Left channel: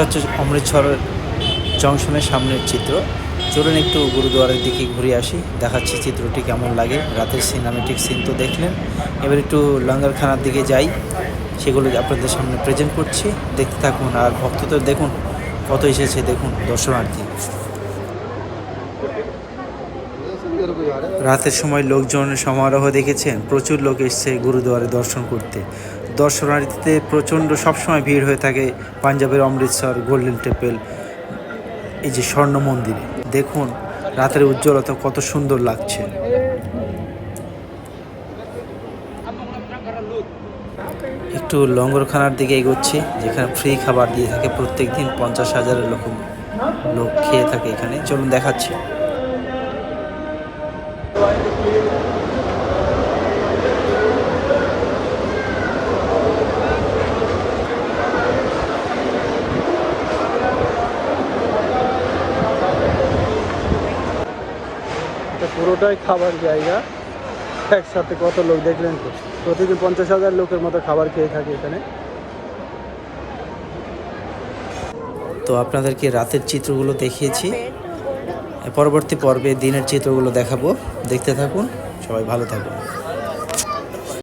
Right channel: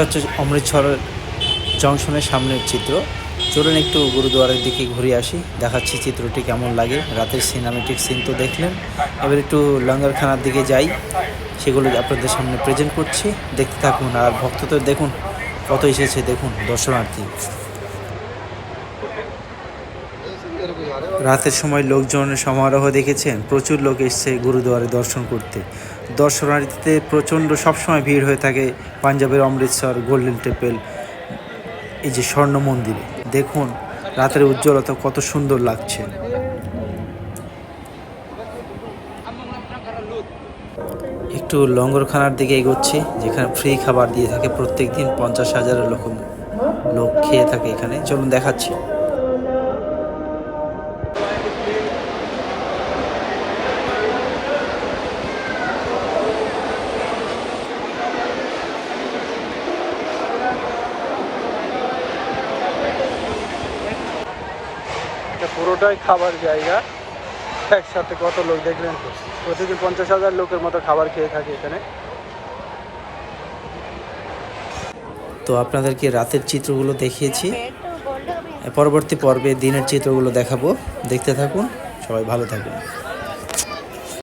এটা হচ্ছে অমৃতসর জংশনের সামনের চিত্র। চলুন একটু গুরুদুয়ারের দিকে ঘুরে আসি, দেখাচ্ছি চিত্রটি কেমন লাগে। রাতের সিনেমেটিক সিন তো দেখলেন, এবার একটু লঙ্গরখানার দিকে যাই, সেগুলো আপনাদের সামনে প্রেজেন্ট করছি, দেখতে থাকুন। আর ভক্তদের দেখুন কত এসেছে, দেখুন দর্শনার্থী। রাতের সময় লোকজনের সমারোহ দেখেছেন, প্রচুর লোক এসছে গুরুদুয়ারে দর্শন করতে। দর্শনার্থীতে প্রচণ্ড সবসময় ভিড় হয়ে থাকে পাঞ্জাবের অমৃতসর গোল্ডেন টেম্পল, এই যে স্বর্ণ মন্দিরে। দেখুন রাতের উজ্জ্বলতা কত সুন্দর লাগছে। একটু লঙ্গরখানার দিকে এগোচ্ছি, যেখানে ফ্রি খাবার দিয়ে থাকে প্রত্যেক দিন। 50,000 লোক খেয়ে থাকে এখানে। চলুন দেখাচ্ছি। পুরোটাই খাবার জায়গা, একসাথে কত লোক দেখলেন তো। প্রতিদিন 50,000 লোকের মতো খাবার খেয়ে থাকে এখানে। তো আপনাদেরকে রাতের চিত্রগুলো দেখিয়েছি, পরবর্তী পর্বে দিনের চিত্রগুলো দেখাবো। দেখতে থাকুন, সবাই ভালো থাকুন।